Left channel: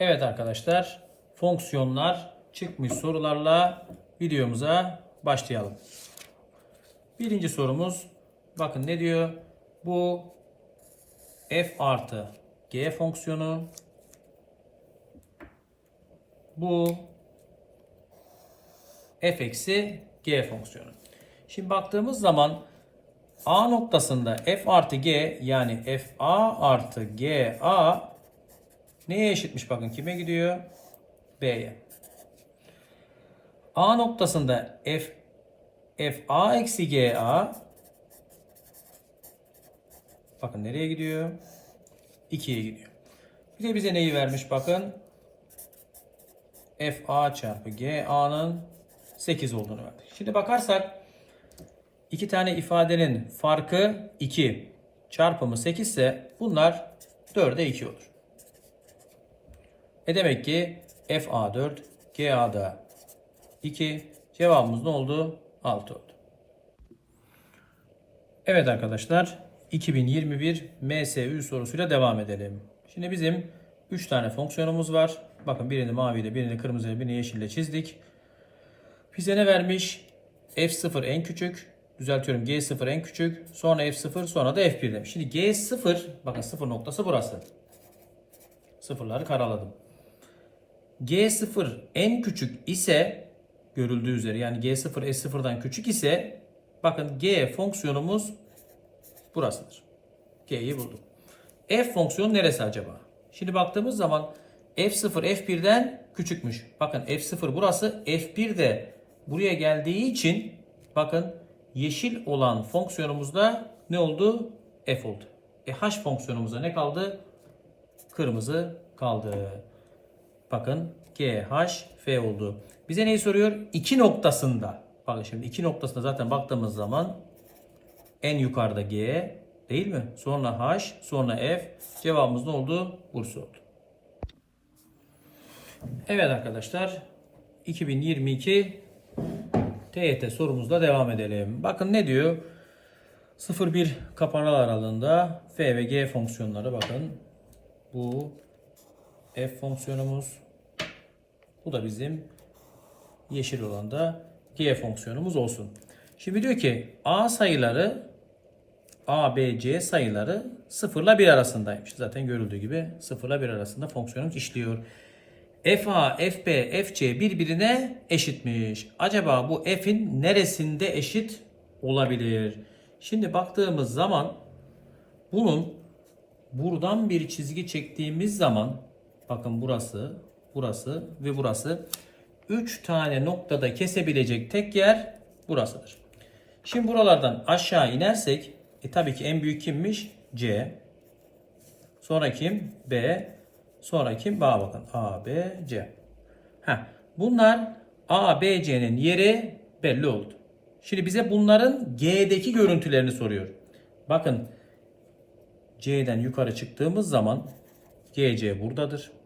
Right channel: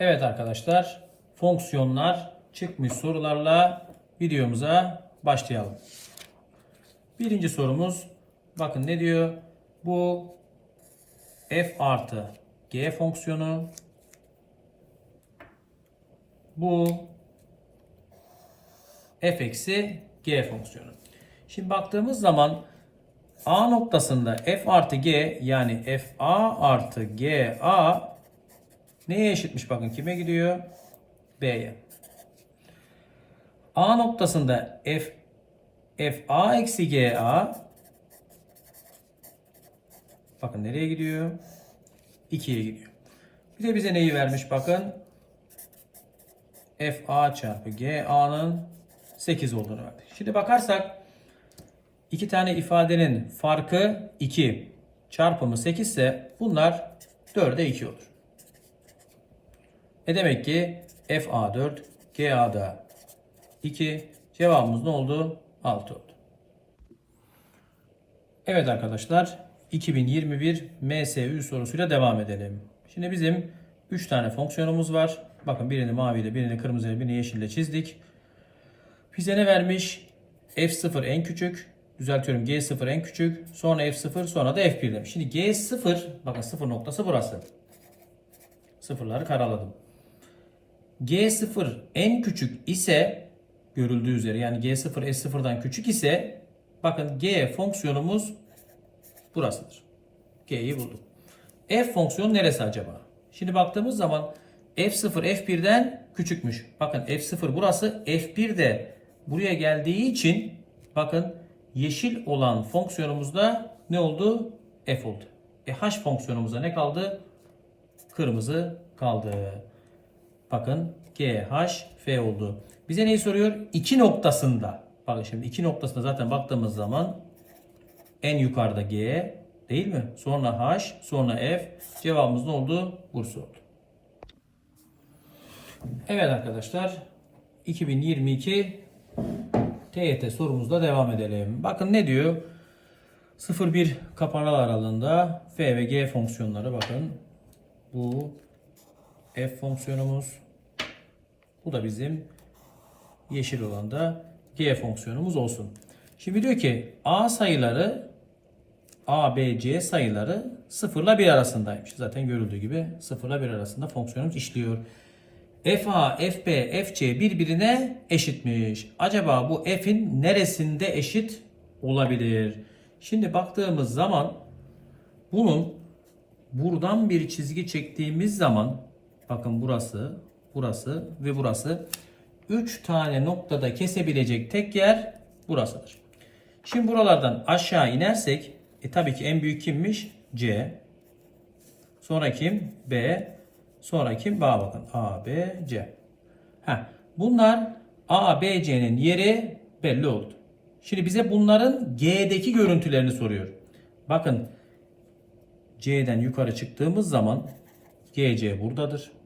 Evet arkadaşlar, fonksiyonlar çıkmış sorularla videomuza başlayalım. Birinci sorumuz, bakın ne diyor? Bu f artı g fonksiyonu, bu f eksi g fonksiyonu. Şimdi baktığımız zaman a noktasında f artı g yani f a artı g a Neye eşitmiş bakın kime gidiyor? B'ye. A noktasında F F A eksi G A bakın nereye gidiyor? 2'ye gidiyor. Bir de bize neyi vermiş bakın? F A çarpı G A'nın 8 olduğunu verdi. Şimdi bakarsak iki tane ifadenin farkı 2 çarpımı 8 ise bunlar 4'e 2 olur. E demek ki FA4, GA'da 2. Cevabımız ne oldu? 6 oldu. Evet arkadaşlar 2021 MSÜ sorusuyla devam edelim. Şimdi bizim 3 tane fonksiyonumuz var. Bakın birini maviyle, birini kırmızıyla, birini yeşille çizdik. Bize ne vermiş? F0 en küçük. Düzeltiyorum G0 en küçük. Sonra F0 sonra da F1 demiş. Şimdi G0 bakın 0 noktası burası. Sıfırları karaladım. G0 en küçük ise görüldüğü üzere yani G0 S0'dan küçük ise bakın G fonksiyonumuz burasıdır. G'yi bulduk. F fonksiyonu neresi acaba? Şimdi baktığımız zaman F0 F1'den küçükmüş. Bakın F0 burası F1 de buraya geldiği için bakın yeşil olan fonksiyonumuzda ne oldu? F oldu. E H fonksiyonumuzda ne kaldı? Kırmızı kaldı. Bakın G, H, F oldu. Bize neyi soruyor? İki noktasında. Bakın şimdi iki noktasında zaten baktığımız zaman en yukarıda G değil mi? Sonra H, sonra F. Cevabımız ne oldu? Bursa oldu. Evet arkadaşlar. 2022 TYT sorumuzla devam edelim. Bakın ne diyor? 0-1 kapanal aralığında F ve G fonksiyonları bakın. Bu f fonksiyonumuz. Bu da bizim yeşil olan da g fonksiyonumuz olsun. Şimdi diyor ki a sayıları a, b, c sayıları 0 ile 1 arasındaymış. Zaten görüldüğü gibi 0 ile 1 arasında fonksiyonumuz işliyor. f a, f b, f c birbirine eşitmiş. Acaba bu f'in neresinde eşit olabilir? Şimdi baktığımız zaman bunun buradan bir çizgi çektiğimiz zaman Bakın burası, burası ve burası. 3 tane noktada kesebilecek tek yer burasıdır. Şimdi buralardan aşağı inersek e tabii ki en büyük kimmiş? C. Sonra kim? B. Sonra kim? A bakın. A, B, C. Heh. Bunlar A, B, C'nin yeri belli oldu. Şimdi bize bunların G'deki görüntülerini soruyor. Bakın C'den yukarı çıktığımız zaman GC buradadır.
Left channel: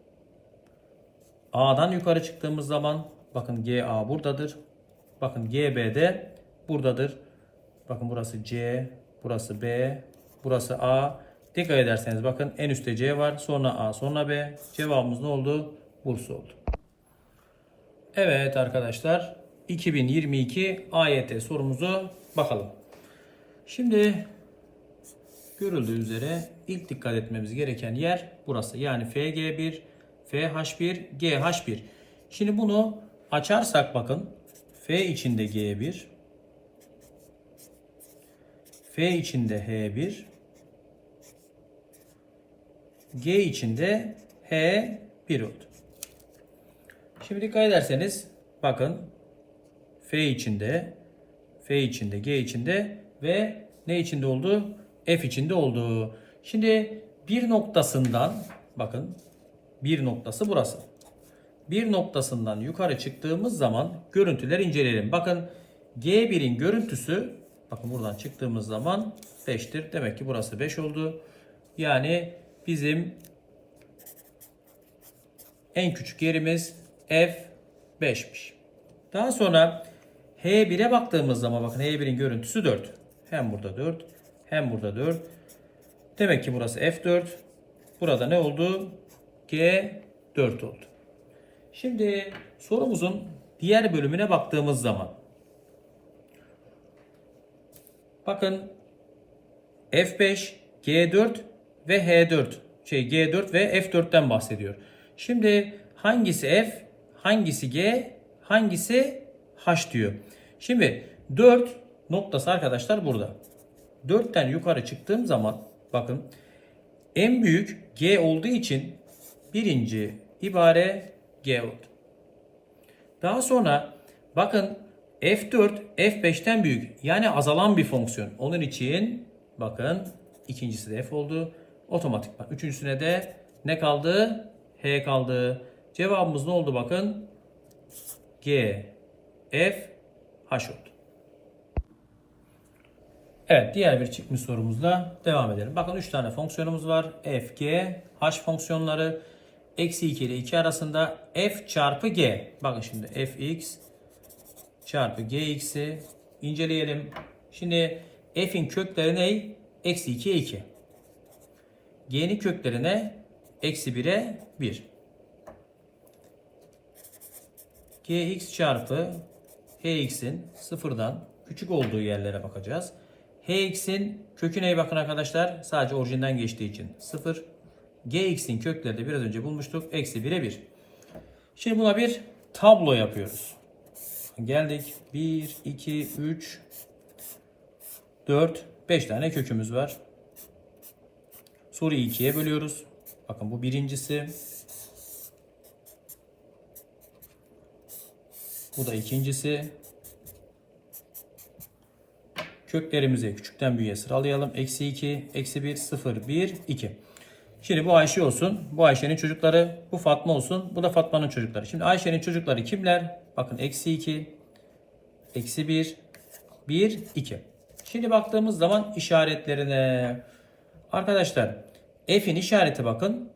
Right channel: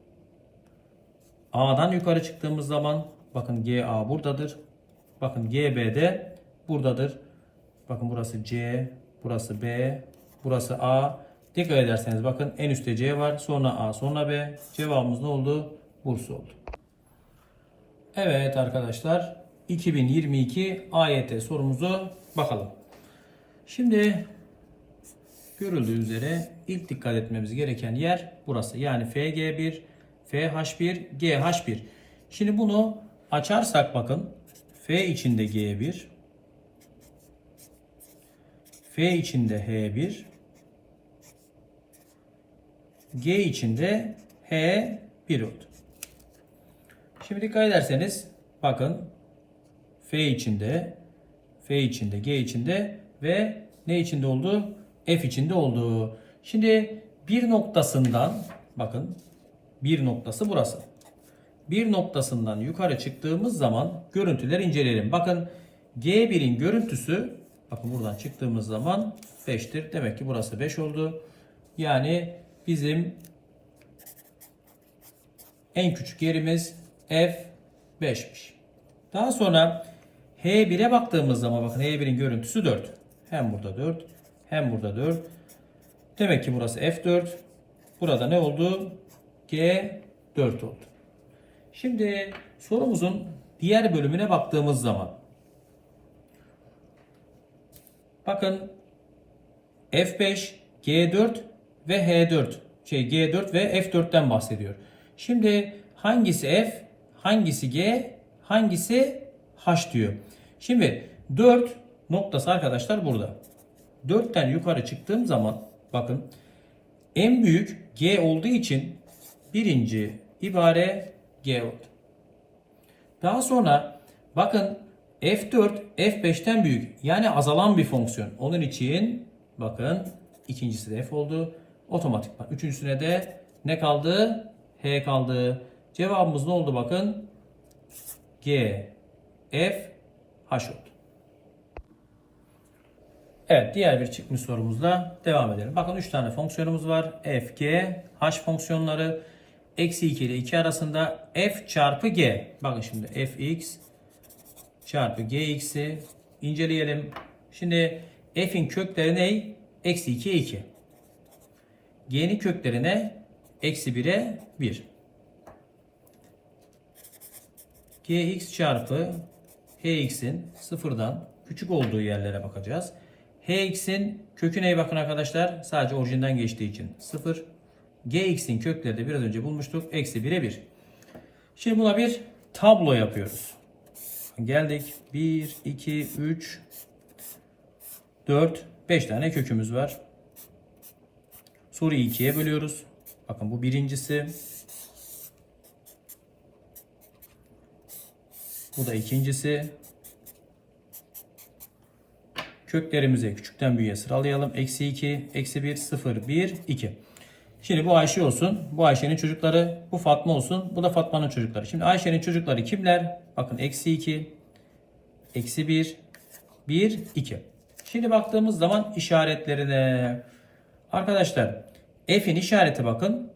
A'dan yukarı çıktığımız zaman bakın GA buradadır. Bakın GB de buradadır. Bakın burası C, burası B, burası A. Dikkat ederseniz bakın en üstte C var, sonra A, sonra B. Cevabımız ne oldu? Bursa oldu. Evet arkadaşlar 2022 AYT sorumuzu bakalım. Şimdi görüldüğü üzere ilk dikkat etmemiz gereken yer burası. Yani FG1 FH1, GH1. Şimdi bunu açarsak bakın F içinde G1, F içinde H1, G içinde H1 oldu. Şimdi dikkat ederseniz bakın F içinde, F içinde, G içinde ve ne içinde oldu? F içinde oldu. Şimdi bir noktasından bakın bir noktası burası. Bir noktasından yukarı çıktığımız zaman görüntüler inceleyelim. Bakın G1'in görüntüsü bakın buradan çıktığımız zaman 5'tir. Demek ki burası 5 oldu. Yani bizim en küçük yerimiz F5'miş. Daha sonra H1'e baktığımız zaman bakın H1'in görüntüsü 4. Hem burada 4 hem burada 4. Demek ki burası F4. Burada ne oldu? G 4 oldu. Şimdi sorumuzun diğer bölümüne baktığımız zaman bakın F5, G4 ve H4 şey G4 ve F4'ten bahsediyor. Şimdi hangisi F, hangisi G, hangisi H diyor. Şimdi 4 noktası arkadaşlar burada. 4'ten yukarı çıktığım zaman bakın en büyük G olduğu için birinci ibare G oldu. Daha sonra bakın F4 F5'ten büyük yani azalan bir fonksiyon. Onun için bakın ikincisi de F oldu. Otomatikman üçüncüsüne de ne kaldı? H kaldı. Cevabımız ne oldu bakın? G F H oldu. Evet diğer bir çıkmış sorumuzla devam edelim. Bakın 3 tane fonksiyonumuz var. F, G, H fonksiyonları. Eksi 2 ile 2 arasında F çarpı G. Bakın şimdi Fx çarpı Gx'i inceleyelim. Şimdi F'in kökleri ne? Eksi 2'ye 2. G'nin kökleri ne? Eksi 1'e 1. Gx çarpı Hx'in sıfırdan küçük olduğu yerlere bakacağız. Hx'in kökü neye bakın arkadaşlar? Sadece orijinden geçtiği için 0. Gx'in kökleri de biraz önce bulmuştuk. Eksi 1'e 1. Şimdi buna bir tablo yapıyoruz. Geldik. 1, 2, 3, 4, 5 tane kökümüz var. Soruyu ikiye bölüyoruz. Bakın bu birincisi. Bu da ikincisi. Köklerimizi küçükten büyüğe sıralayalım. Eksi 2, eksi 1, 0, 1, 2. Şimdi bu Ayşe olsun. Bu Ayşe'nin çocukları. Bu Fatma olsun. Bu da Fatma'nın çocukları. Şimdi Ayşe'nin çocukları kimler? Bakın eksi 2, eksi 1, 1, 2. Şimdi baktığımız zaman işaretlerine. Arkadaşlar F'in işareti bakın.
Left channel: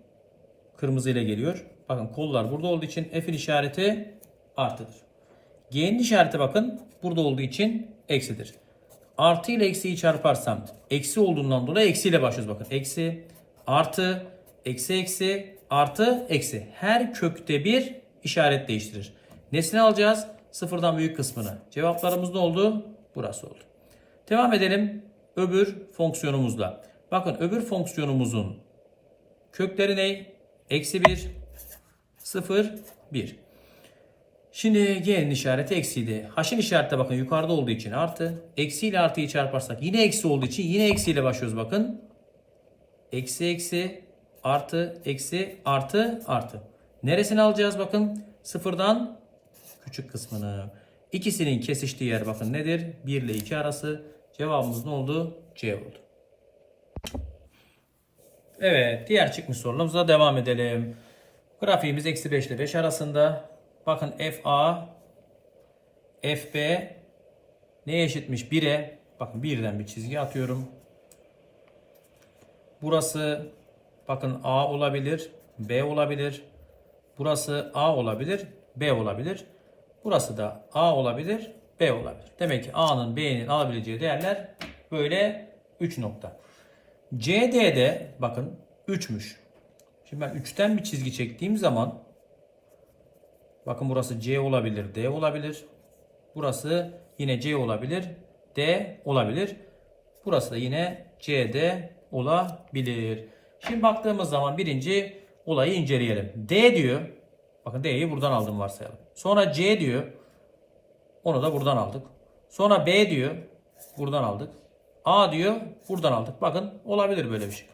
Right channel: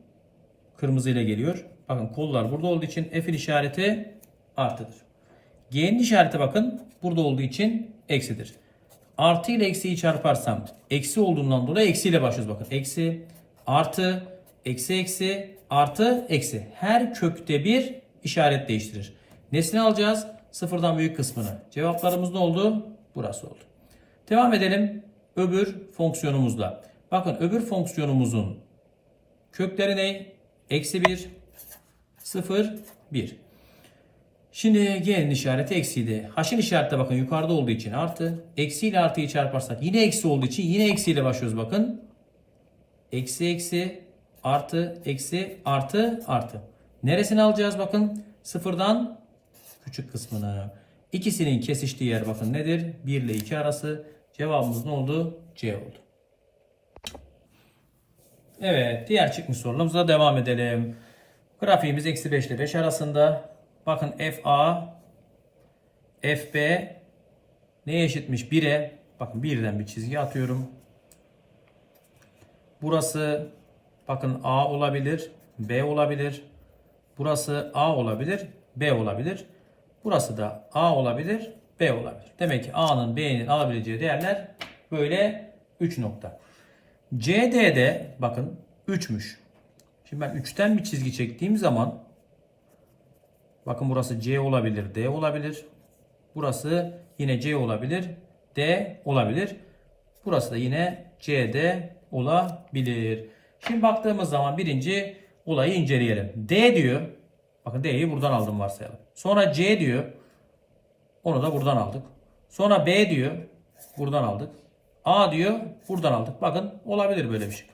Kırmızı ile geliyor. Bakın kollar burada olduğu için F'in işareti artıdır. G'nin işareti bakın burada olduğu için eksidir. Artı ile eksiyi çarparsam eksi olduğundan dolayı eksiyle başlıyoruz bakın. Eksi, artı, eksi eksi, artı, eksi. Her kökte bir işaret değiştirir. Nesini alacağız? Sıfırdan büyük kısmını. Cevaplarımız ne oldu? Burası oldu. Devam edelim öbür fonksiyonumuzla. Bakın öbür fonksiyonumuzun kökleri ne? Eksi 1, 0, 1. Şimdi G'nin işareti eksiydi. H'in işareti de bakın yukarıda olduğu için artı. Eksi ile artıyı çarparsak yine eksi olduğu için yine eksiyle başlıyoruz bakın. Eksi eksi artı eksi artı artı. Neresini alacağız bakın? Sıfırdan küçük kısmını. İkisinin kesiştiği yer bakın nedir? 1 ile 2 arası. Cevabımız ne oldu? C oldu. Evet diğer çıkmış sorumuza devam edelim. Grafiğimiz eksi 5 ile 5 arasında. Bakın FA FB neye eşitmiş? 1'e. Bakın birden bir çizgi atıyorum. Burası bakın A olabilir, B olabilir. Burası A olabilir, B olabilir. Burası da A olabilir, B olabilir. Demek ki A'nın B'nin alabileceği değerler böyle 3 nokta. CD'de bakın 3'müş. Şimdi ben 3'ten bir çizgi çektiğim zaman bakın burası C olabilir, D olabilir. Burası yine C olabilir, D olabilir. Burası da yine CD olabilir. Şimdi baktığımız zaman birinci olayı inceleyelim. D diyor. Bakın D'yi buradan aldım varsayalım. Sonra C diyor. Onu da buradan aldık. Sonra B diyor. Buradan aldık. A diyor. Buradan aldık. Bakın olabilir böyle bir şey.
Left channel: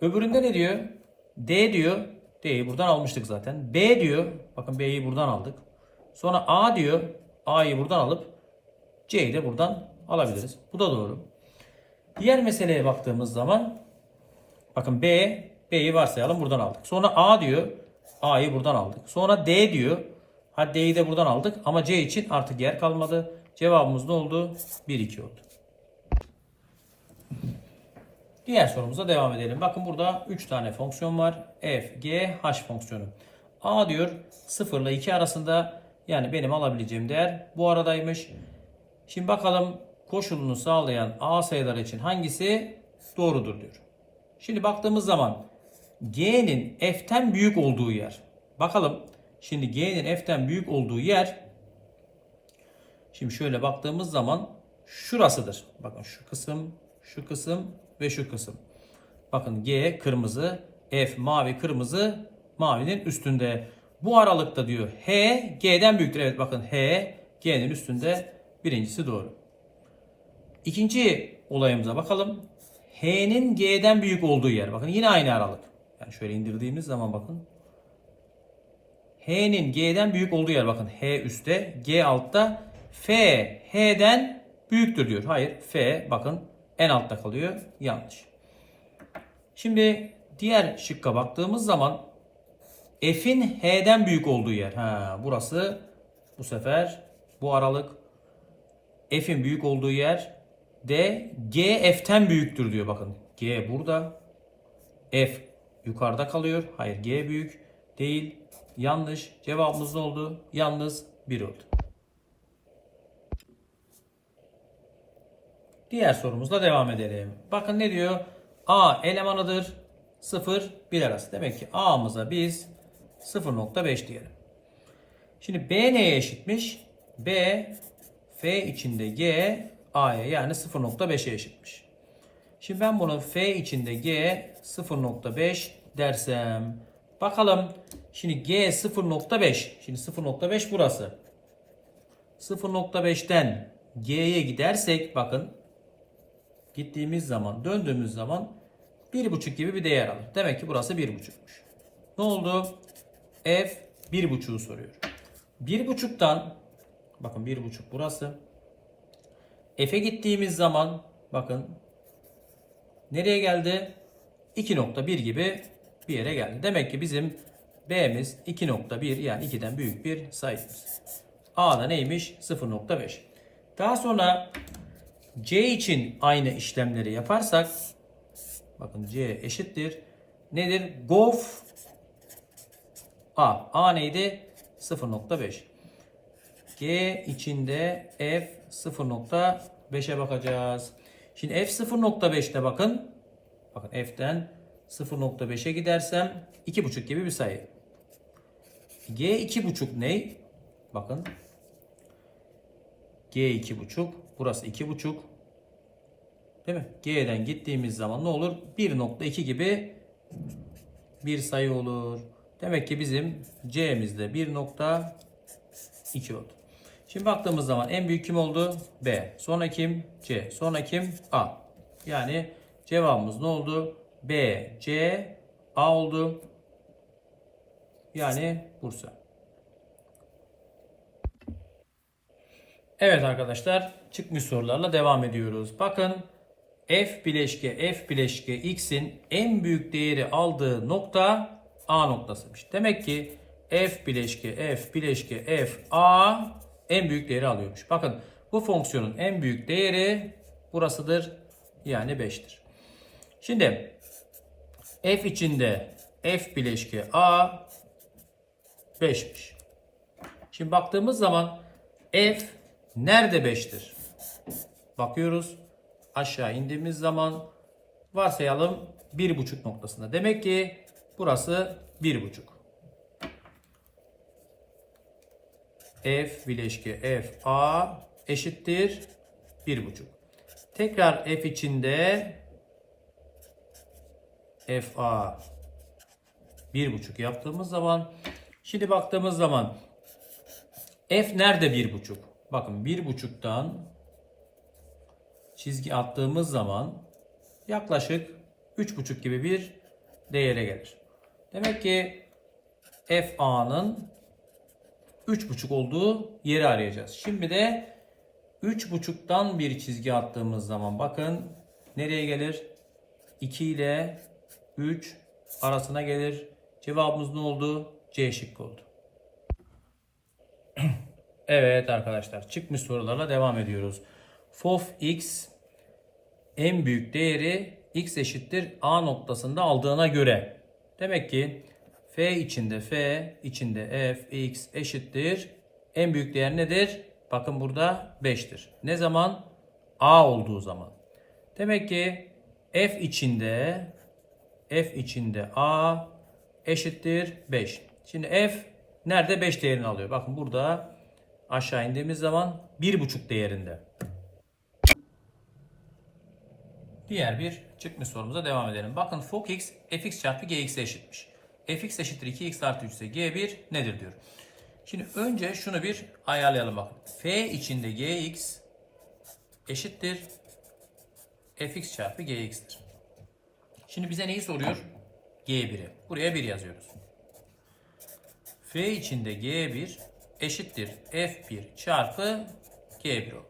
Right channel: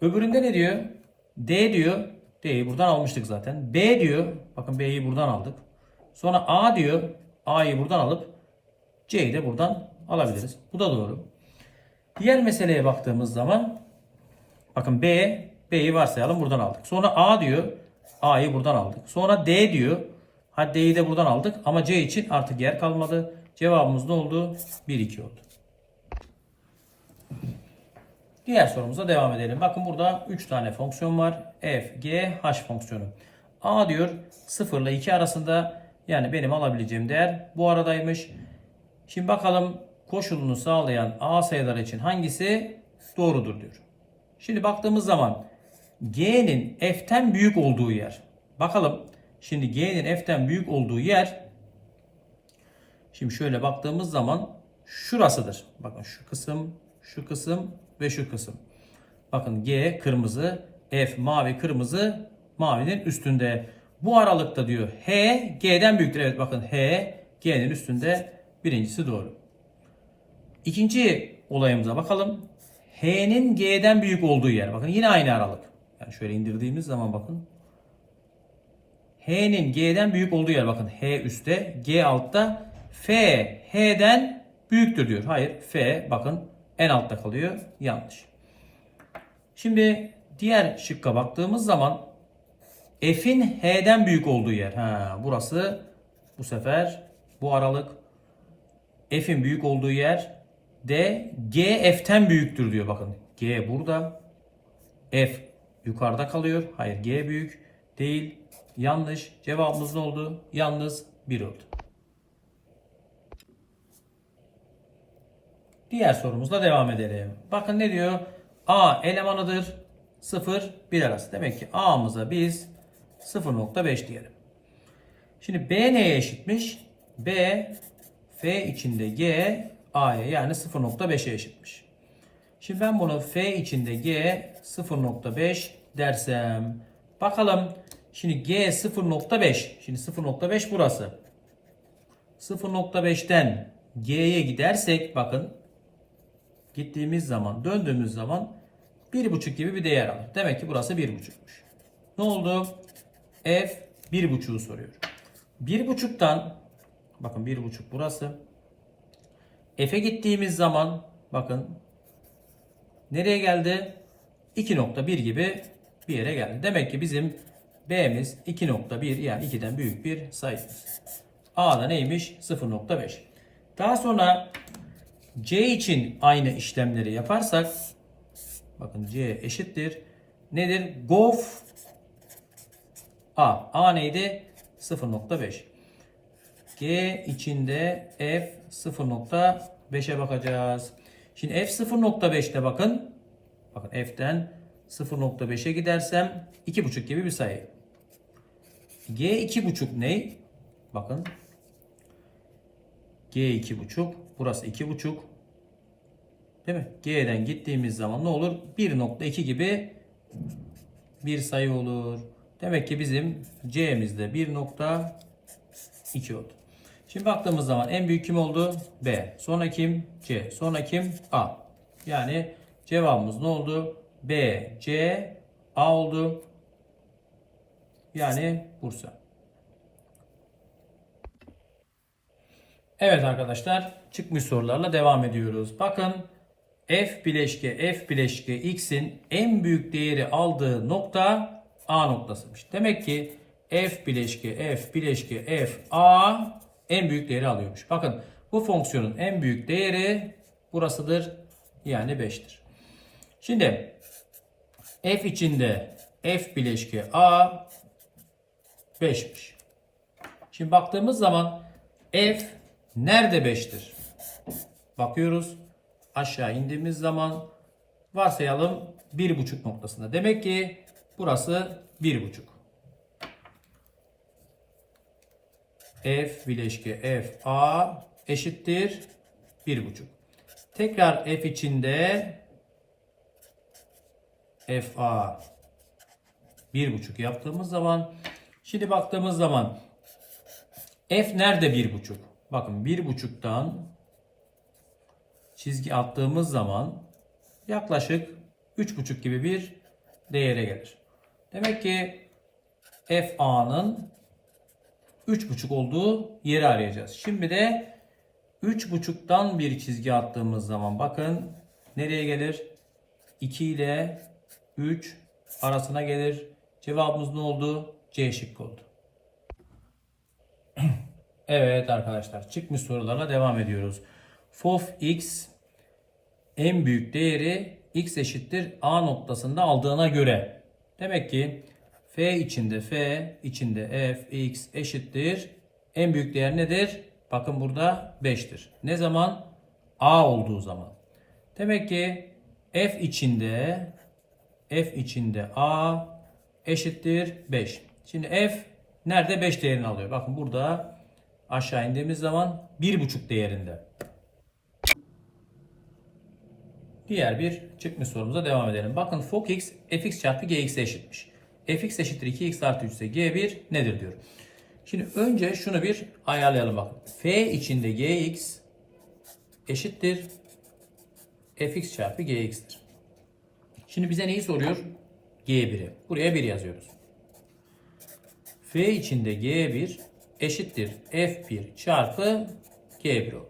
Öbüründe ne diyor? D diyor. D'yi buradan almıştık zaten. B diyor. Bakın B'yi buradan aldık. Sonra A diyor. A'yı buradan alıp C'yi de buradan alabiliriz. Bu da doğru. Diğer meseleye baktığımız zaman bakın B, B'yi varsayalım buradan aldık. Sonra A diyor. A'yı buradan aldık. Sonra D diyor. Hadi D'yi de buradan aldık ama C için artık yer kalmadı. Cevabımız ne oldu? 1 2 oldu. Diğer sorumuza devam edelim. Bakın burada 3 tane fonksiyon var. F, G, H fonksiyonu. A diyor 0 ile 2 arasında yani benim alabileceğim değer bu aradaymış. Şimdi bakalım koşulunu sağlayan A sayıları için hangisi doğrudur diyor. Şimdi baktığımız zaman G'nin F'ten büyük olduğu yer. Bakalım. Şimdi G'nin F'ten büyük olduğu yer Şimdi şöyle baktığımız zaman şurasıdır. Bakın şu kısım, şu kısım ve şu kısım. Bakın G kırmızı, F mavi, kırmızı mavinin üstünde. Bu aralıkta diyor H G'den büyüktür. Evet bakın H G'nin üstünde. Birincisi doğru. İkinci olayımıza bakalım. H'nin G'den büyük olduğu yer. Bakın yine aynı aralık. Yani şöyle indirdiğimiz zaman bakın. H'nin G'den büyük olduğu yer. Bakın H üstte, G altta. F H'den büyüktür diyor. Hayır. F bakın en altta kalıyor. Yanlış. Şimdi diğer şıkka baktığımız zaman F'in H'den büyük olduğu yer. Ha, burası bu sefer bu aralık F'in büyük olduğu yer D G F'ten büyüktür diyor bakın. G burada. F yukarıda kalıyor. Hayır G büyük değil. Yanlış. Cevabımız ne oldu? Yalnız 1 oldu. Diğer sorumuzla devam edelim. Bakın ne diyor? A elemanıdır. 0 1 arası. Demek ki A'mıza biz 0.5 diyelim. Şimdi B neye eşitmiş? B F içinde G A'ya yani 0.5'e eşitmiş. Şimdi ben bunu F içinde G 0.5 dersem bakalım şimdi G 0.5 şimdi 0.5 burası 0.5'ten G'ye gidersek bakın gittiğimiz zaman döndüğümüz zaman 1.5 gibi bir değer alır. Demek ki burası 1.5'muş. Ne oldu? F 1.5'u soruyor. 1.5'tan bakın 1.5 burası. F'e gittiğimiz zaman bakın nereye geldi? 2.1 gibi bir yere geldi. Demek ki bizim B'miz 2.1 yani 2'den büyük bir sayımız. A'da neymiş? 0.5. Daha sonra C için aynı işlemleri yaparsak bakın C eşittir. Nedir? Gof A. A neydi? 0.5. G içinde F 0.5'e bakacağız. Şimdi F 0.5'te bakın. Bakın F'den 0.5'e gidersem 2.5 gibi bir sayı. G 2.5 ne? Bakın. G 2.5. Burası 2.5. Değil mi? G'den gittiğimiz zaman ne olur? 1.2 gibi bir sayı olur. Demek ki bizim C'mizde 1.2 oldu. Şimdi baktığımız zaman en büyük kim oldu? B. Sonra kim? C. Sonra kim? A. Yani cevabımız ne oldu? B, C, A oldu. Yani Bursa. Evet arkadaşlar çıkmış sorularla devam ediyoruz. Bakın f bileşke f bileşke x'in en büyük değeri aldığı nokta A noktasıymış. Demek ki f bileşke f bileşke f a en büyük değeri alıyormuş. Bakın bu fonksiyonun en büyük değeri burasıdır. Yani 5'tir. Şimdi f içinde f bileşke a 5'miş. Şimdi baktığımız zaman f nerede 5'tir? Bakıyoruz. Aşağı indiğimiz zaman varsayalım 1,5 noktasında. Demek ki burası 1,5. F bileşke f a eşittir 1,5. Tekrar f içinde f a 1,5 yaptığımız zaman şimdi baktığımız zaman f nerede 1,5? Bakın 1,5'tan çizgi attığımız zaman yaklaşık 3,5 gibi bir değere gelir. Demek ki f a'nın 3,5 olduğu yeri arayacağız. Şimdi de 3,5'tan bir çizgi attığımız zaman bakın nereye gelir? 2 ile 3 arasına gelir. Cevabımız ne oldu? C şıkkı oldu. evet arkadaşlar çıkmış sorularla devam ediyoruz. Fof x en büyük değeri x eşittir a noktasında aldığına göre. Demek ki f içinde f içinde f x eşittir. En büyük değer nedir? Bakın burada 5'tir. Ne zaman? a olduğu zaman. Demek ki f içinde f içinde a eşittir 5. Şimdi f nerede 5 değerini alıyor? Bakın burada aşağı indiğimiz zaman 1,5 değerinde. Diğer bir çıkmış sorumuza devam edelim. Bakın fx fx çarpı gx'e eşitmiş. Fx eşittir 2x artı 3 ise g1 nedir diyor. Şimdi önce şunu bir ayarlayalım bakın. f içinde gx eşittir fx çarpı gx'tir. Şimdi bize neyi soruyor? g1'i. Buraya 1 yazıyoruz. f içinde g1 eşittir f1 çarpı g1 oldu.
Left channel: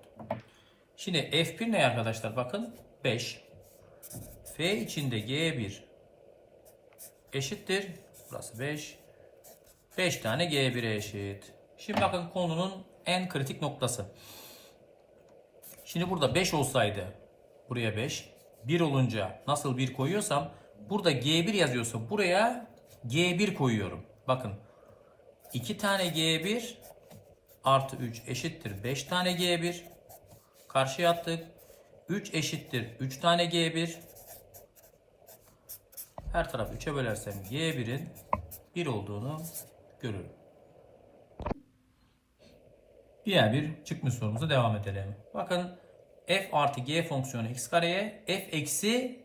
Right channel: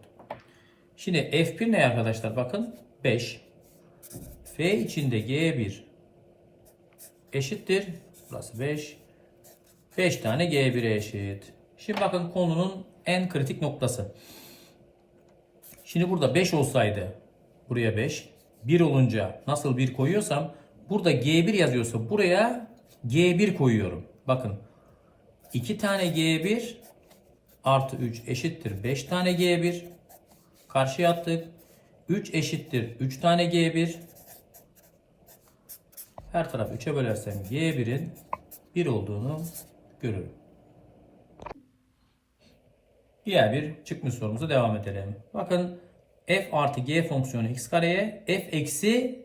Şimdi f1 ne arkadaşlar? Bakın 5. f içinde g1 eşittir. Burası 5. 5 tane g1'e eşit. Şimdi bakın konunun en kritik noktası. Şimdi burada 5 olsaydı buraya 5. 1 olunca nasıl 1 koyuyorsam burada G1 yazıyorsa buraya G1 koyuyorum. Bakın 2 tane G1 artı 3 eşittir 5 tane G1. Karşıya attık. 3 eşittir 3 tane G1. Her tarafı 3'e bölersem G1'in 1 olduğunu görürüm. Diğer bir çıkmış sorumuza devam edelim. Bakın f artı g fonksiyonu x kareye f eksi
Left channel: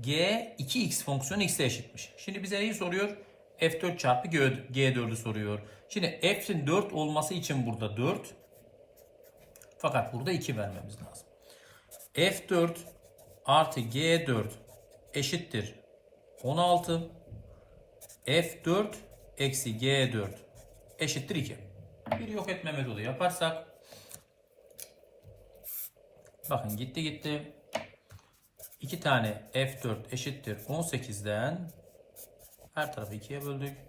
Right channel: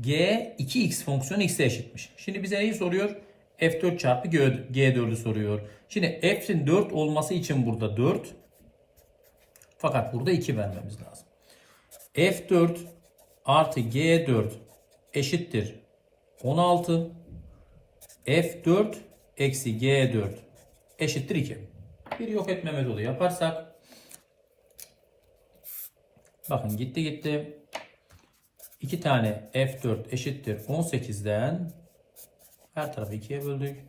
g 2x fonksiyonu x'e eşitmiş. Şimdi bize neyi soruyor? f4 çarpı g4'ü soruyor. Şimdi f'in 4 olması için burada 4. Fakat burada 2 vermemiz lazım. f4 artı g4 eşittir 16. f4 eksi g4 eşittir 2. Bir yok etme metodu yaparsak bakın gitti gitti 2 tane f4 eşittir 18'den her tarafı 2'ye böldük.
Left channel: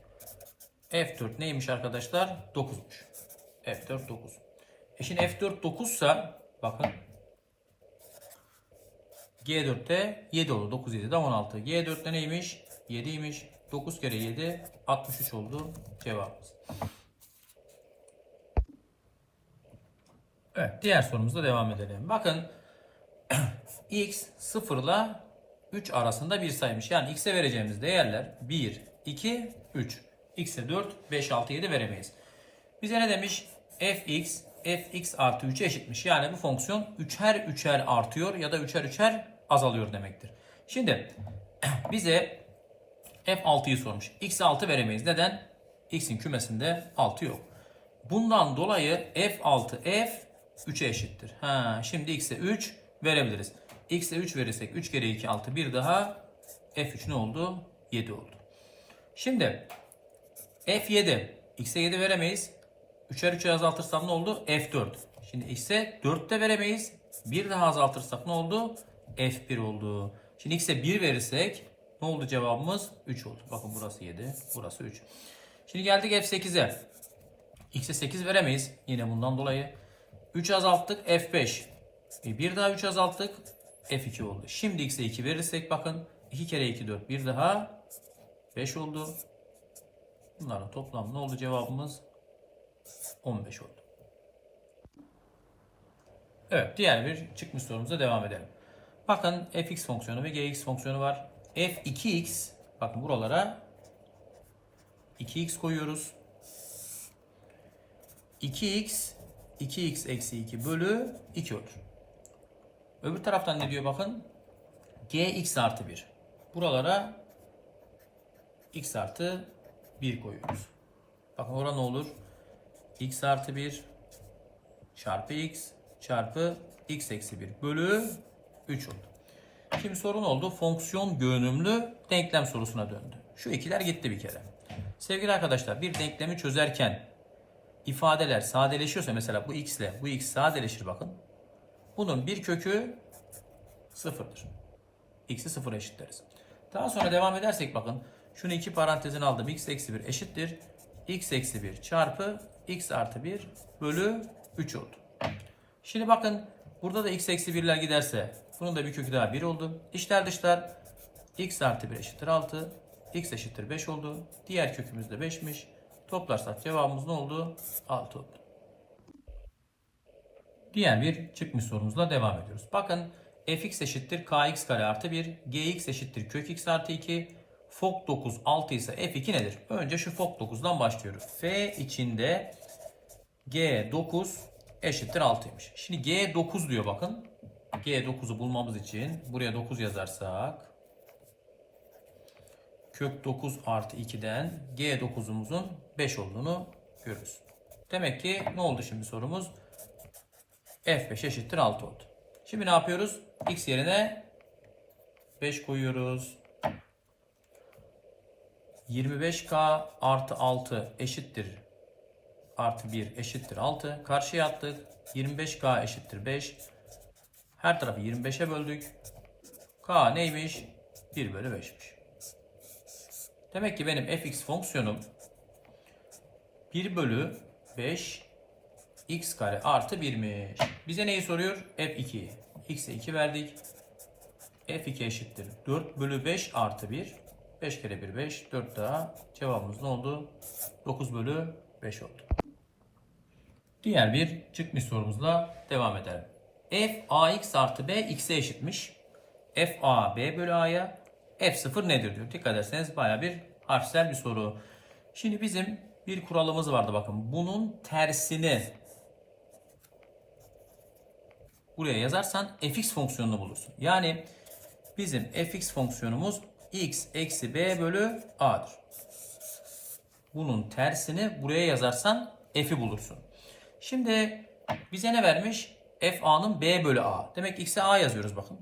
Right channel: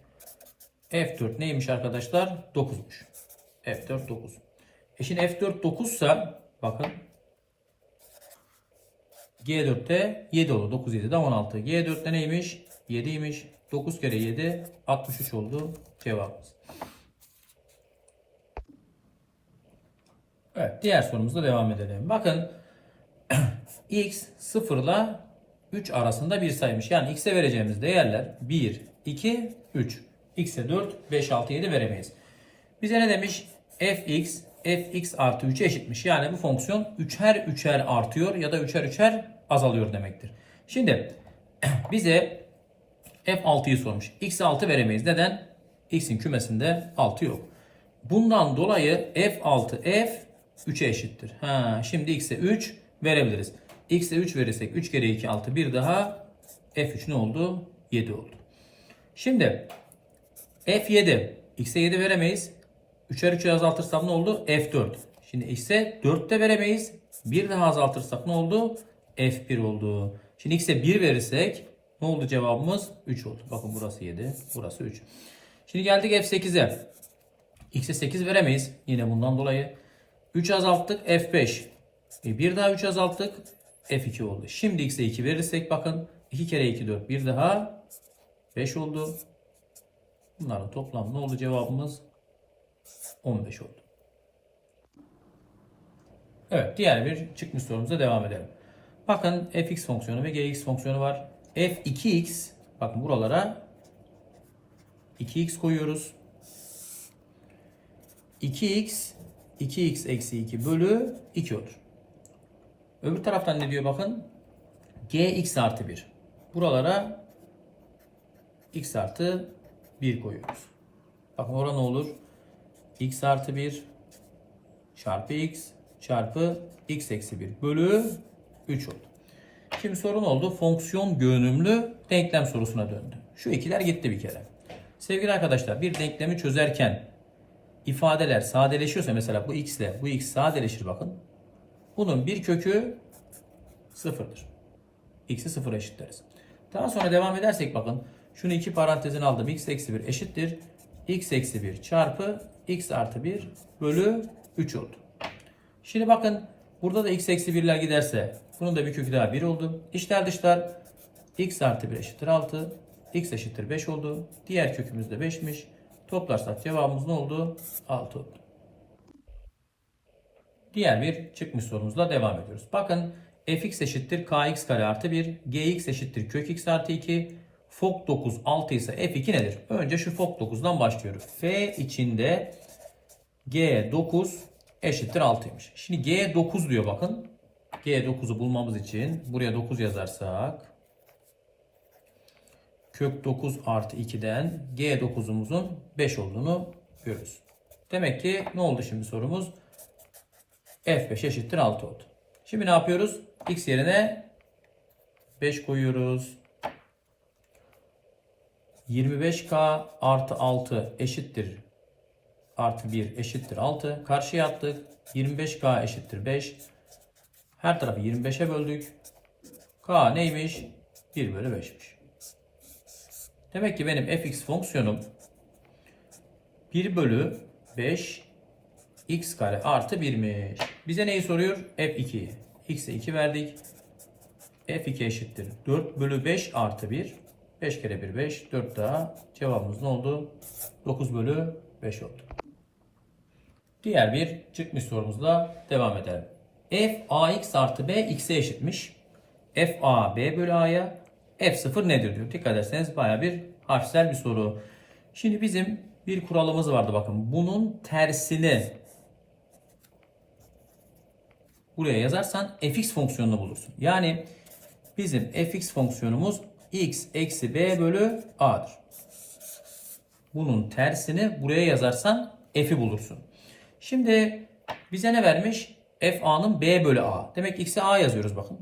f4 neymiş arkadaşlar? 9'muş. f4 9. E şimdi f4 9 ise bakın G4'te 7 oldu. 9 7'de 16. G4'te neymiş? 7'ymiş. 9 kere 7 63 oldu cevabımız. Evet diğer sorumuzda devam edelim. Bakın x 0 ile 3 arasında bir sayıymış. Yani x'e vereceğimiz değerler 1, 2, 3. x'e 4, 5, 6, 7 veremeyiz. Bize ne demiş? fx fx artı 3'e eşitmiş. Yani bu fonksiyon 3'er 3'er artıyor ya da 3'er 3'er azalıyor demektir. Şimdi bize f6'yı sormuş. x'e 6 veremeyiz. Neden? x'in kümesinde 6 yok. Bundan dolayı f6 f 3'e eşittir. Ha, şimdi x'e 3 verebiliriz. x'e 3 verirsek 3 kere 2 6 bir daha f3 ne oldu? 7 oldu. Şimdi f7 x'e 7 veremeyiz. 3'er 3'e azaltırsam ne oldu? f4. Şimdi x'e 4 de veremeyiz. Bir daha azaltırsak ne oldu? F1 oldu. Şimdi x'e 1 verirsek ne oldu cevabımız? 3 oldu. Bakın burası 7, burası 3. Şimdi geldik f8'e. x'e 8 veremeyiz. Yine bundan dolayı. 3 azalttık f5. E bir daha 3 azalttık f2 oldu. Şimdi x'e 2 verirsek bakın 2 kere 2 4 bir daha 5 oldu. Bunların toplam ne oldu cevabımız? 15 oldu. Evet diğer bir çıkmış sorumuza devam edelim. Bakın fx fonksiyonu ve gx fonksiyonu var. f2x bakın buralara 2x koyuyoruz. 2x 2x eksi 2 bölü 2 olur. Öbür taraftan ne diyor bakın? gx artı 1. Buralara x artı 1 koyuyoruz. Bakın orada ne olur? x artı 1 çarpı x çarpı x eksi 1 bölü 3 oldu. Şimdi sorun oldu. Fonksiyon görünümlü denklem sorusuna döndü. Şu ikiler gitti bir kere. Sevgili arkadaşlar bir denklemi çözerken ifadeler sadeleşiyorsa mesela bu x ile bu x sadeleşir bakın. Bunun bir kökü sıfırdır. x'i sıfır eşitleriz. Daha sonra devam edersek bakın. Şunu iki parantezin aldım. x eksi 1 eşittir. x eksi 1 çarpı x artı 1 bölü 3 oldu. Şimdi bakın burada da x eksi 1'ler giderse bunun da bir kökü daha 1 oldu. İçler dışlar x artı 1 eşittir 6. x eşittir 5 oldu. Diğer kökümüz de 5'miş. Toplarsak cevabımız ne oldu? 6 oldu. Diğer bir çıkmış sorumuzla devam ediyoruz. Bakın fx eşittir kx kare artı 1, gx eşittir kök x artı 2, fok 9 6 ise f2 nedir? Önce şu fok 9'dan başlıyoruz. f içinde g9 eşittir 6'ymış. Şimdi g9 diyor bakın. g9'u bulmamız için buraya 9 yazarsak kök 9 artı 2'den g9'umuzun 5 olduğunu görürüz. Demek ki ne oldu şimdi sorumuz? f5 eşittir 6 oldu. Şimdi ne yapıyoruz? x yerine 5 koyuyoruz. 25k artı 6 eşittir artı 1 eşittir 6. Karşıya attık. 25k eşittir 5. Her tarafı 25'e böldük. k neymiş? 1 bölü 5'miş. Demek ki benim fx fonksiyonum 1 bölü 5 x kare artı 1'miş. Bize neyi soruyor? f2'yi. x'e 2 verdik. f2 eşittir 4 bölü 5 artı 1. 5 kere 1 5. 4 daha. Cevabımız ne oldu? 9 bölü 5 oldu. Diğer bir çıkmış sorumuzla devam edelim. f ax artı b x'e eşitmiş. f a b bölü a'ya f0 nedir diyor. Dikkat ederseniz baya bir harfsel bir soru. Şimdi bizim bir kuralımız vardı bakın. Bunun tersini buraya yazarsan fx fonksiyonunu bulursun. Yani bizim fx fonksiyonumuz x eksi b bölü a'dır. Bunun tersini buraya yazarsan f'i bulursun. Şimdi bize ne vermiş? f a'nın b bölü a. Demek x'e a yazıyoruz bakın.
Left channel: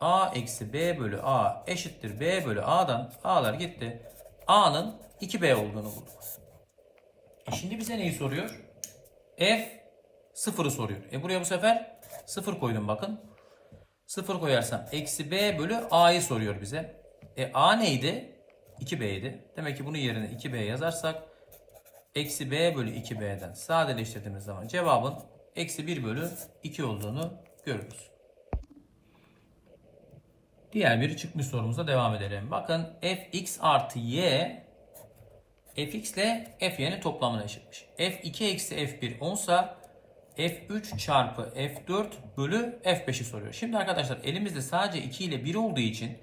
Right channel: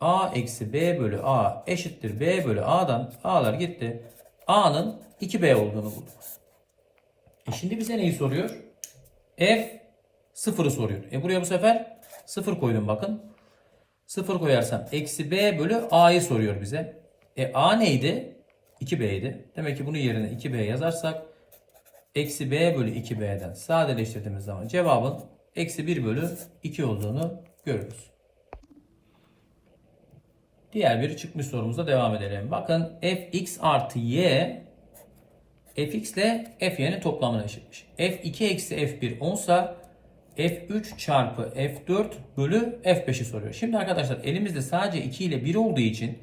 a eksi b bölü a eşittir b bölü a'dan a'lar gitti. a'nın 2b olduğunu bulduk. E şimdi bize neyi soruyor? f sıfırı soruyor. E buraya bu sefer sıfır koydum bakın. Sıfır koyarsam eksi b bölü a'yı soruyor bize. E a neydi? 2b'ydi. Demek ki bunun yerine 2b yazarsak eksi b bölü 2b'den sadeleştirdiğimiz zaman cevabın eksi 1 bölü 2 olduğunu görürüz. Diğer bir çıkmış sorumuza devam edelim. Bakın fx artı y fx ile fy'nin toplamına eşitmiş. f2 eksi f1 10 f3 çarpı f4 bölü f5'i soruyor. Şimdi arkadaşlar elimizde sadece 2 ile 1 olduğu için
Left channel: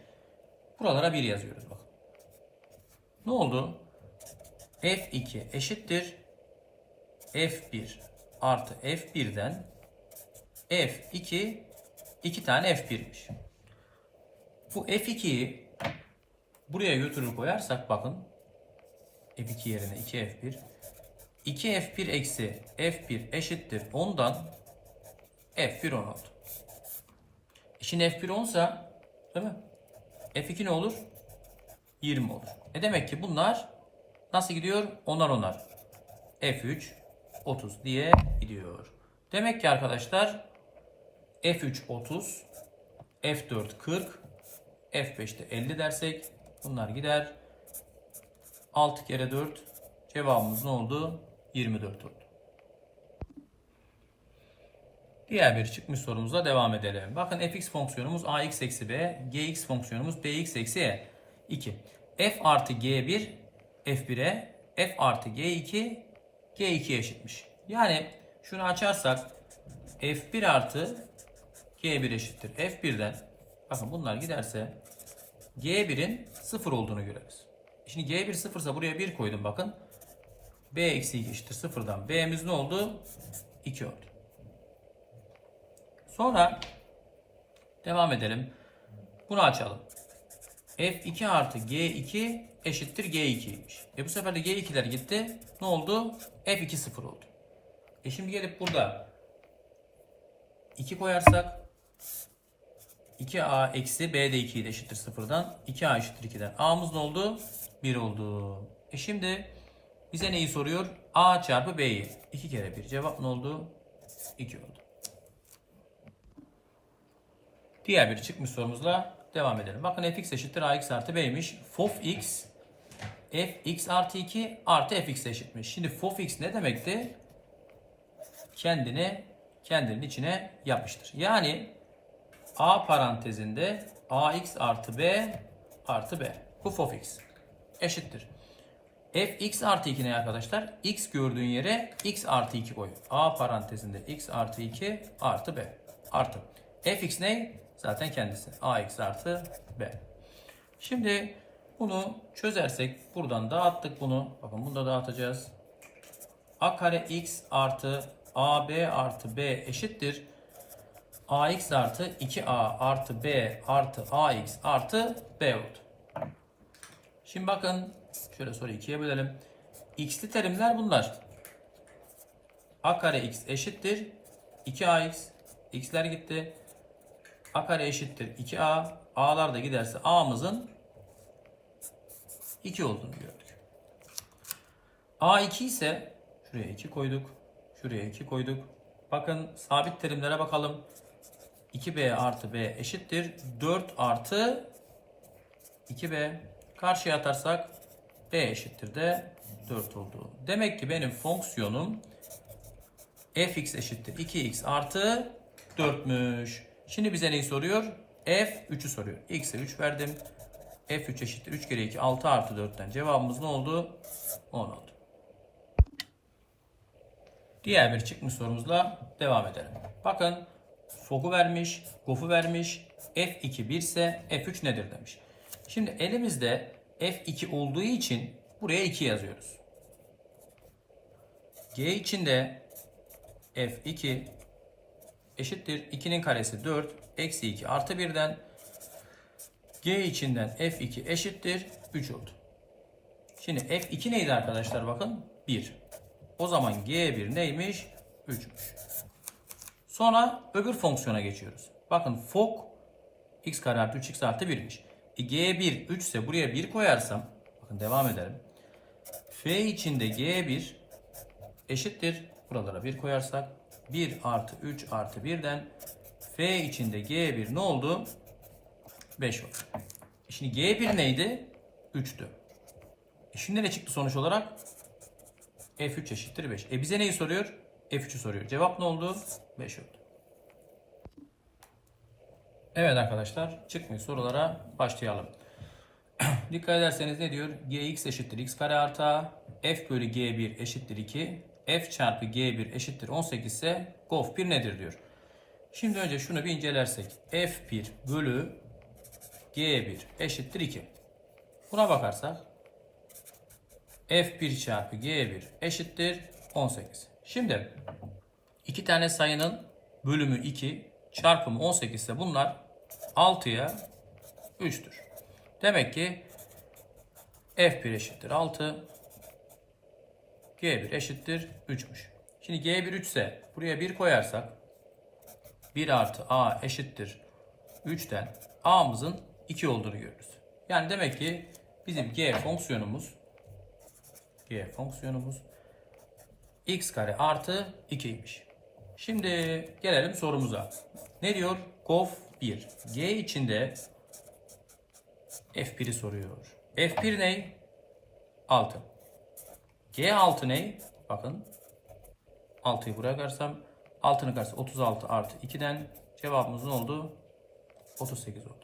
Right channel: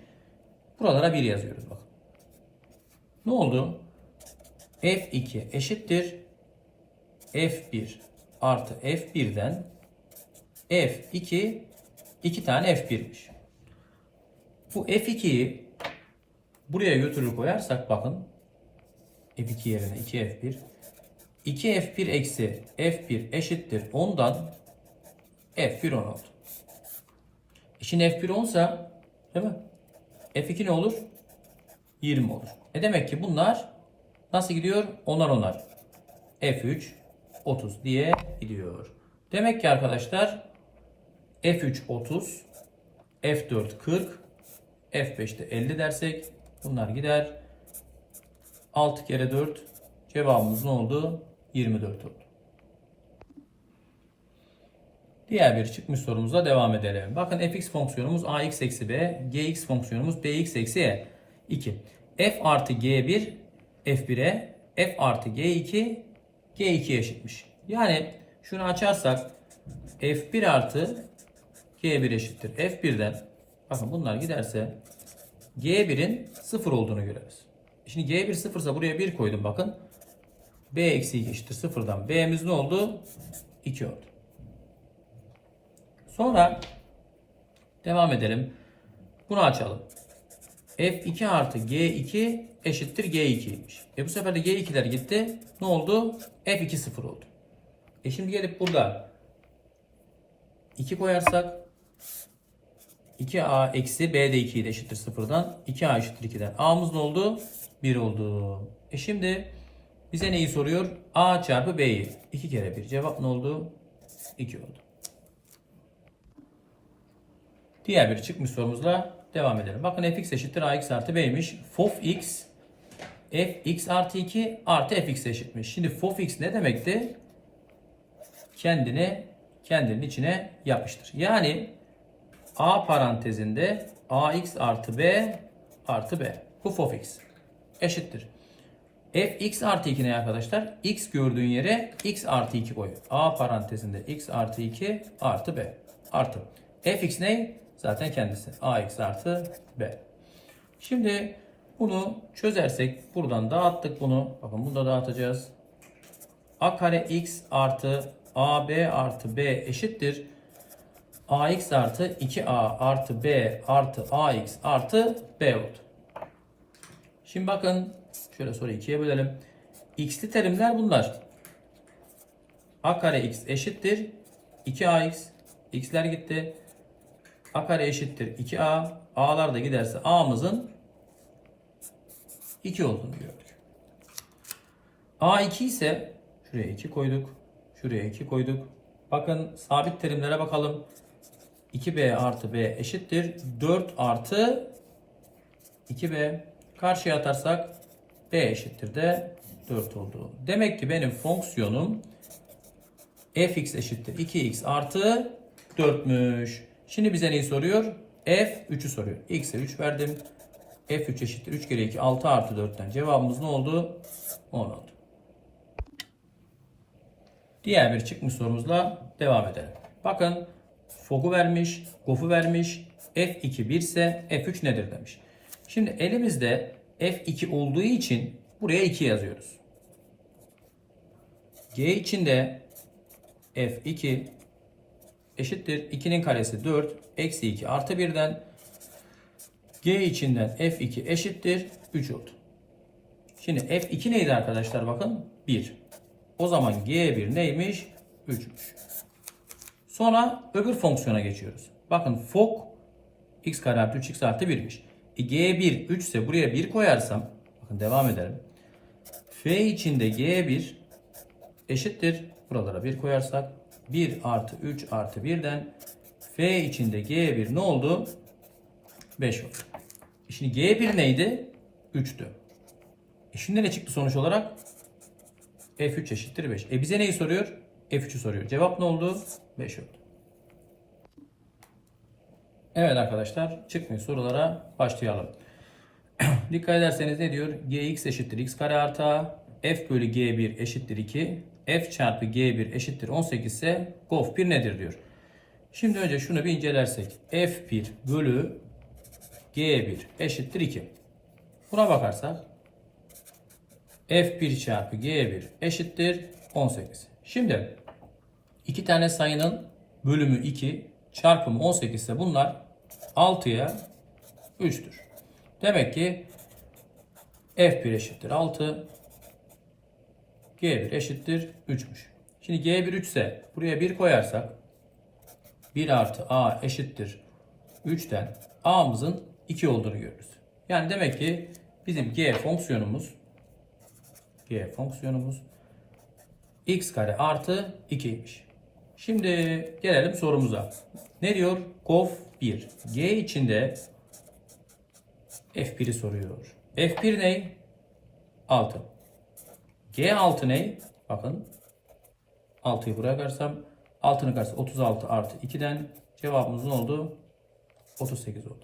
buralara 1 yazıyoruz. Bakın. Ne oldu? F2 eşittir f1 artı f1'den f2 2 tane f1'miş. Bu f2'yi buraya götürür koyarsak bakın f2 yerine 2f1 2f1 eksi f1 eşittir 10'dan f1 10 oldu. E Şimdi f1 10 değil mi? f2 ne olur? 20 olur. E demek ki bunlar nasıl gidiyor? Onar onar. f3 30 diye gidiyor. Demek ki arkadaşlar f3 30 f4 40 f5'te 50 dersek bunlar gider. 6 kere 4 cevabımız ne oldu? 24 oldu. Diğer bir çıkmış sorumuza devam edelim. Bakın fx fonksiyonumuz ax eksi b, gx fonksiyonumuz dx eksi e. 2. f artı g1 f1'e, f artı g2 g2'ye eşitmiş. Yani şunu açarsak f1 artı g1 eşittir. f1'den bakın bunlar giderse g1'in 0 olduğunu görürüz. Şimdi g1 0 ise buraya 1 koydum bakın. b eksi 2 eşittir 0'dan. b'miz ne oldu? 2 oldu. Sonra devam edelim. Bunu açalım. f2 artı g2 eşittir g2'ymiş. E bu sefer de g2'ler gitti. Ne oldu? f2 0 oldu. E şimdi gelip burada 2 koyarsak 2a eksi b de 2 ile eşittir 0'dan. 2a eşittir 2'den. a'mız ne oldu? 1 oldu. E şimdi bize neyi soruyor? a çarpı b'yi. 2 kere 1. Cevap ne oldu? 2 oldu. Diğer bir çıkmış sorumuzla devam edelim. Bakın fx eşittir ax artı b'ymiş. Fof x fx artı 2 artı fx eşitmiş. Şimdi fof x ne demekti? Kendini kendinin içine yapmıştır. Yani a parantezinde ax artı b artı b. Bu fof x eşittir. fx artı 2 ne arkadaşlar? x gördüğün yere x artı 2 koy. a parantezinde x artı 2 artı b artı. fx ne? Zaten kendisi. ax artı b. Şimdi bunu çözersek buradan dağıttık bunu. Bakın bunu da dağıtacağız. a kare x artı ab artı b eşittir. ax artı 2a artı b artı ax artı b oldu. Şimdi bakın şöyle soru ikiye bölelim. x'li terimler bunlar. a kare x eşittir 2ax. x'ler gitti. a kare eşittir 2a. a'lar da giderse a'mızın 2 olduğunu gördük. a2 ise şuraya 2 koyduk. Şuraya 2 koyduk. Bakın sabit terimlere bakalım. 2b artı b eşittir 4 artı 2b karşıya atarsak b eşittir de 4 oldu. Demek ki benim fonksiyonum fx eşittir 2x artı 4'müş. Şimdi bize neyi soruyor? f 3'ü soruyor. x'e 3 verdim. F3 eşittir 3 kere 2 6 artı 4'ten cevabımız ne oldu? 10 oldu. Diğer bir çıkmış sorumuzla devam edelim. Bakın fogu vermiş, gofu vermiş. F2 1 ise F3 nedir demiş. Şimdi elimizde F2 olduğu için buraya 2 yazıyoruz. G içinde F2 eşittir 2'nin karesi 4 eksi 2 artı 1'den G içinden F2 eşittir 3 oldu. Şimdi F2 neydi arkadaşlar bakın 1. O zaman G1 neymiş? 3'müş. Sonra öbür fonksiyona geçiyoruz. Bakın fok x kare artı 3x artı 1'miş. E, G1 3 ise buraya 1 koyarsam bakın devam edelim. F içinde G1 eşittir. Buralara 1 koyarsak 1 artı 3 artı 1'den F içinde G1 ne oldu? 5 oldu. E Şimdi G1 neydi? 3'tü. E şimdi ne çıktı sonuç olarak? F3 eşittir 5. E bize neyi soruyor? F3'ü soruyor. Cevap ne oldu? 5 oldu. Evet arkadaşlar çıkmış sorulara başlayalım. Dikkat ederseniz ne diyor? Gx eşittir x kare artı. F bölü G1 eşittir 2. F çarpı G1 eşittir 18 ise GOF 1 nedir diyor. Şimdi önce şunu bir incelersek. F1 bölü G1 eşittir 2. Buna bakarsak F1 çarpı G1 eşittir 18. Şimdi iki tane sayının bölümü 2 çarpımı 18 ise bunlar 6'ya 3'tür. Demek ki F1 eşittir 6 G1 eşittir 3'müş. Şimdi G1 3 ise buraya 1 koyarsak 1 artı A eşittir 3'ten A'mızın 2 olduğunu görürüz. Yani demek ki bizim G fonksiyonumuz G fonksiyonumuz x kare artı 2'ymiş. Şimdi gelelim sorumuza. Ne diyor? Gof 1. G içinde F1'i soruyor. F1 ne? 6. G6 ne? Bakın. 6'yı buraya karsam 6'nın karşısı 36 artı 2'den cevabımız ne oldu? 38 oldu.